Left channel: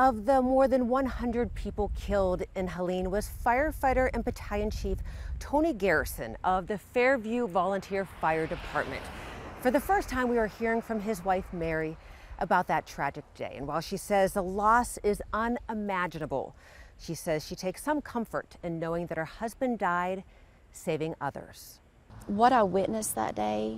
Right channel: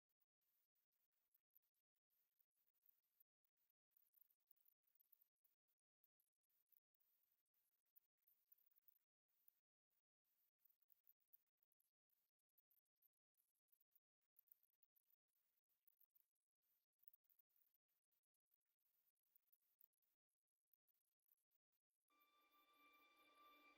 of the more than 100 people killed in Helene was firefighter and Battalion Chief Tony Garrison of the Fairview Volunteer Fire Department. For the first time, we are hearing from his wife, Mary, about that tragic day. And while she says the loss is unimaginable, she says she takes some comfort in knowing that her husband died saving others. What I witnessed that day,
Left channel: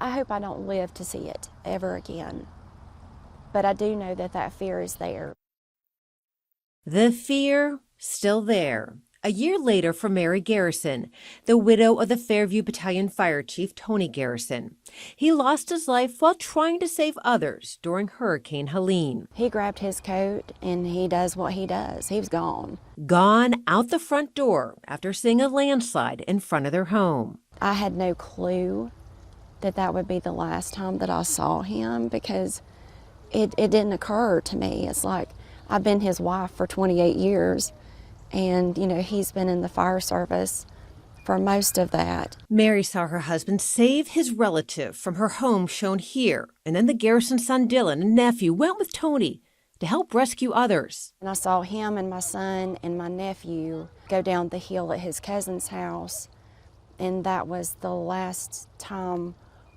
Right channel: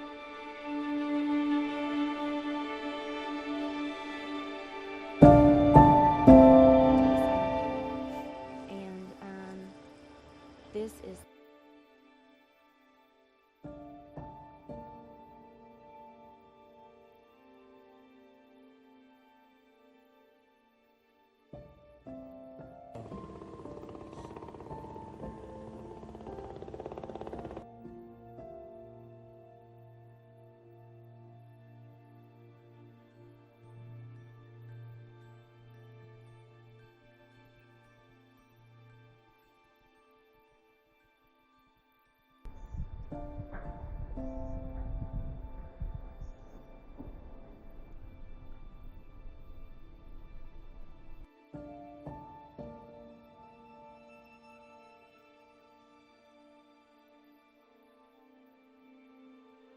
I hope I don't live to see it ever again. But I do know that that fear is there. The fear still there. A year later for Mary Garrison, the widow of the Fairview Battalion Fire Chief Tony Garrison. He lost his life while trying to save others during Hurricane Helene. He grabbed his coat and he does what he does. He was gone. Gone out the front door after seeing a landslide in front of their home. I had no clue that that would be the last time that I saw him, because it didn't occur to me. It's like, I've been his wife for 28 years. And, you know, he's been in the fire service for most of that. Mary saw her husband save his relative from her home shown here. And then the Garrison son, Dylan, and nephew went with Tony to help rescue others. And I saw him and my son and my nephew go down the hill at his cousin's house. And that was the last time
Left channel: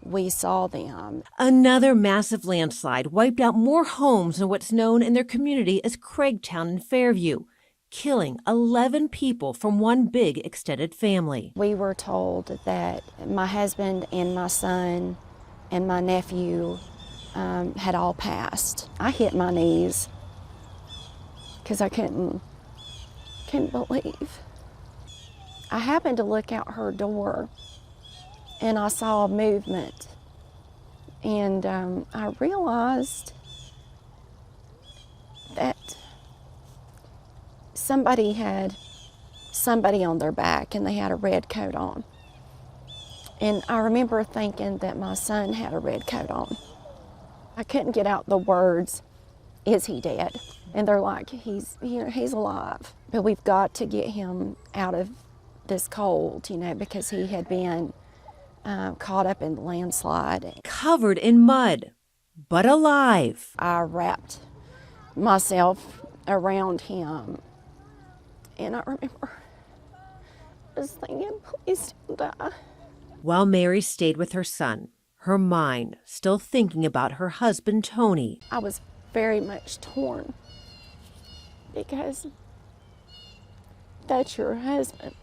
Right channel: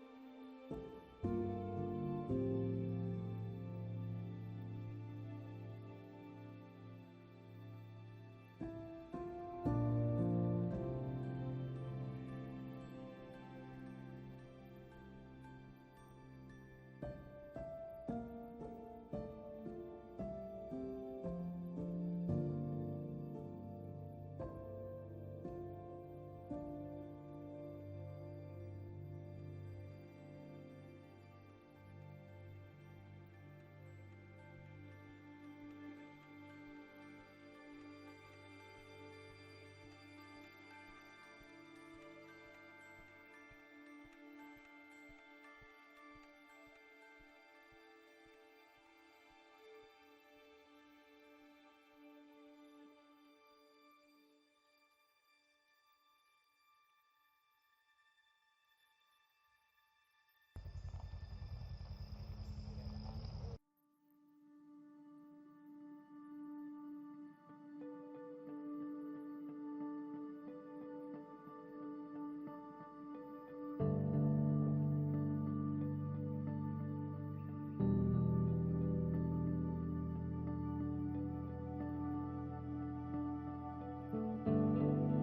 we saw them. Another massive landslide wiped out more homes in what's known in their community as Craigtown and Fairview, killing 11 people from one big extended family. We were told that my husband and my son and my nephew had all passed. I hit my knees because I couldn't believe. I happened to look out her door and I saw movement, and I realized that somebody had somebody on their back and they had a red coat on. And I remember thinking that my son had a red coat on. I couldn't get out the words, "Is he dead?" And they're like, he's alive. But we've got to get him out of this cold, because he had been caught up in the landslide. Covered in mud, but alive. I wrapped myself around him. And I remember just thinking, please don't die. While Mary stayed with her son, her mind still thinking about her husband, Tony. I was very much torn, because that's your husband.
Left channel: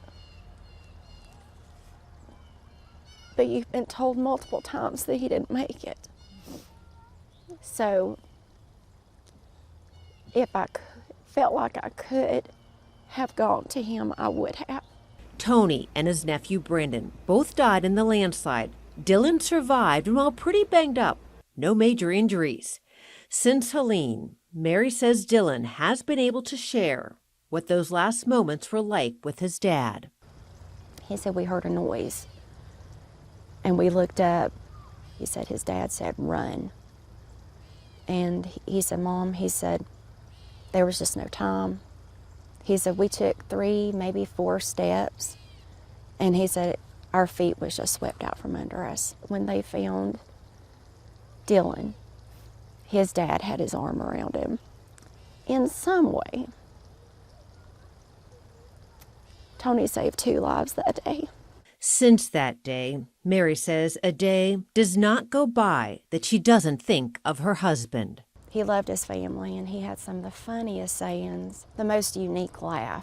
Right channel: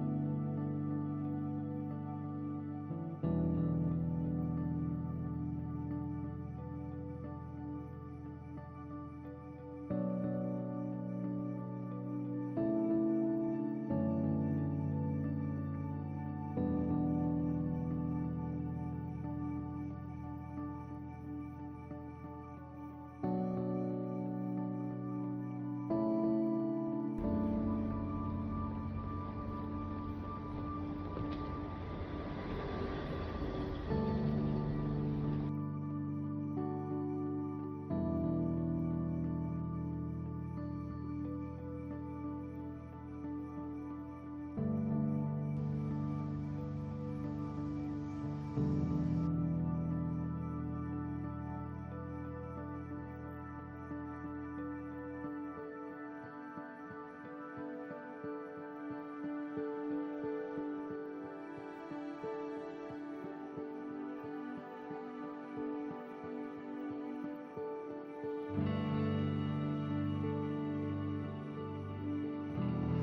But you've been told multiple times that he didn't make it. So if I felt like I could have gone to him, I would have. Tony and his nephew Brandon both died in the landslide. Dylan survived, and while pretty banged up, no major injuries. Since Helene, Mary says Dylan has been able to share what those last moments were like with his dad. He said, we heard a noise, and we looked up. He said his dad said, run. And he said, Mom, he said, there was just no time. He said, we took 3, maybe 4 steps, and he said, our feet was just swept out from under us. When they found Dylan, his dad had his arm around him. In some way, Tony saved 2 lives that day. Since that day, Mary says a day does not go by that she doesn't think of her husband. He loved his family, and he had some of the funniest sayings, the most unique laugh.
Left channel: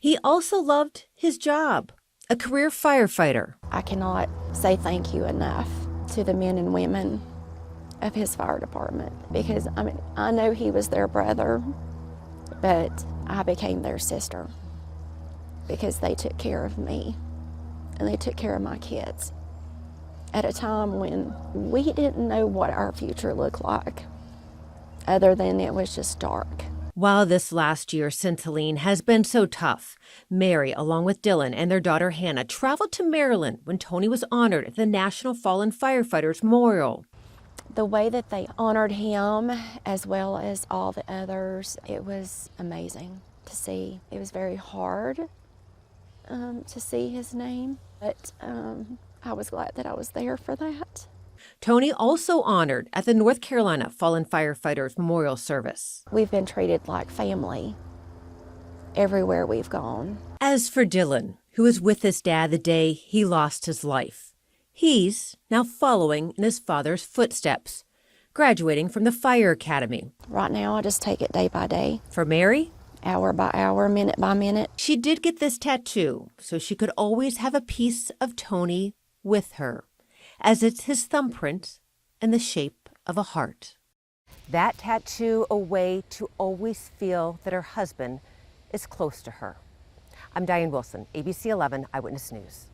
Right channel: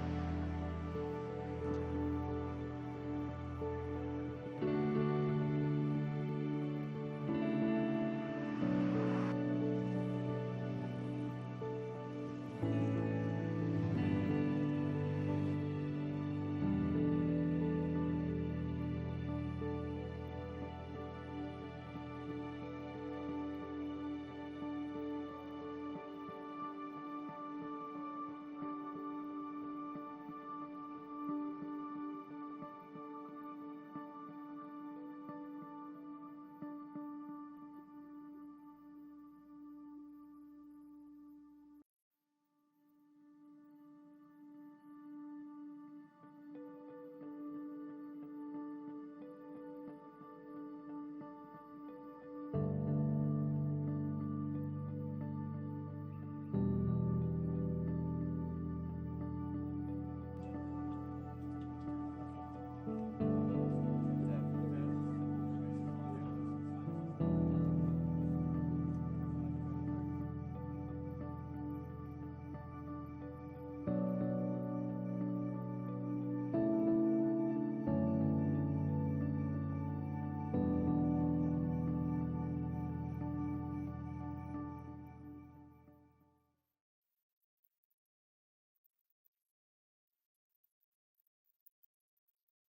He also loved his job, a career firefighter. I cannot say thank you enough to the men and women of his fire department, because I know he was their brother, but I became their sister, because they took care of me and they took care of my kids at a time when we didn't know what our future looked like, other than it was just dark. While this last year since Helene has been so tough, Mary, along with Dylan and their daughter Hannah, traveled to Maryland when Tony was honored at the National Fallen Firefighters Memorial. The way that they honored him, as well as all the others, it was amazing to see. It was very hard to see his name, but I was glad that I was there for that. Tony also honored at the North Carolina Fallen Firefighters Memorial Service. We've been treated like family everywhere we've gone. As for Dylan, who was with his dad the day he lost his life, he's now following in his father's footsteps, graduating from the Fire Academy. Right now, I just take it day by day, For Mary, hour by hour, minute by minute. she did get this tattoo so she could always have a piece of Tony with her, as it's his thumbprint in the shape of a heart. That tattoo, a way to always feel that her husband is close to her. I'm Diane Wilson, ABC 11 Eyewitness News.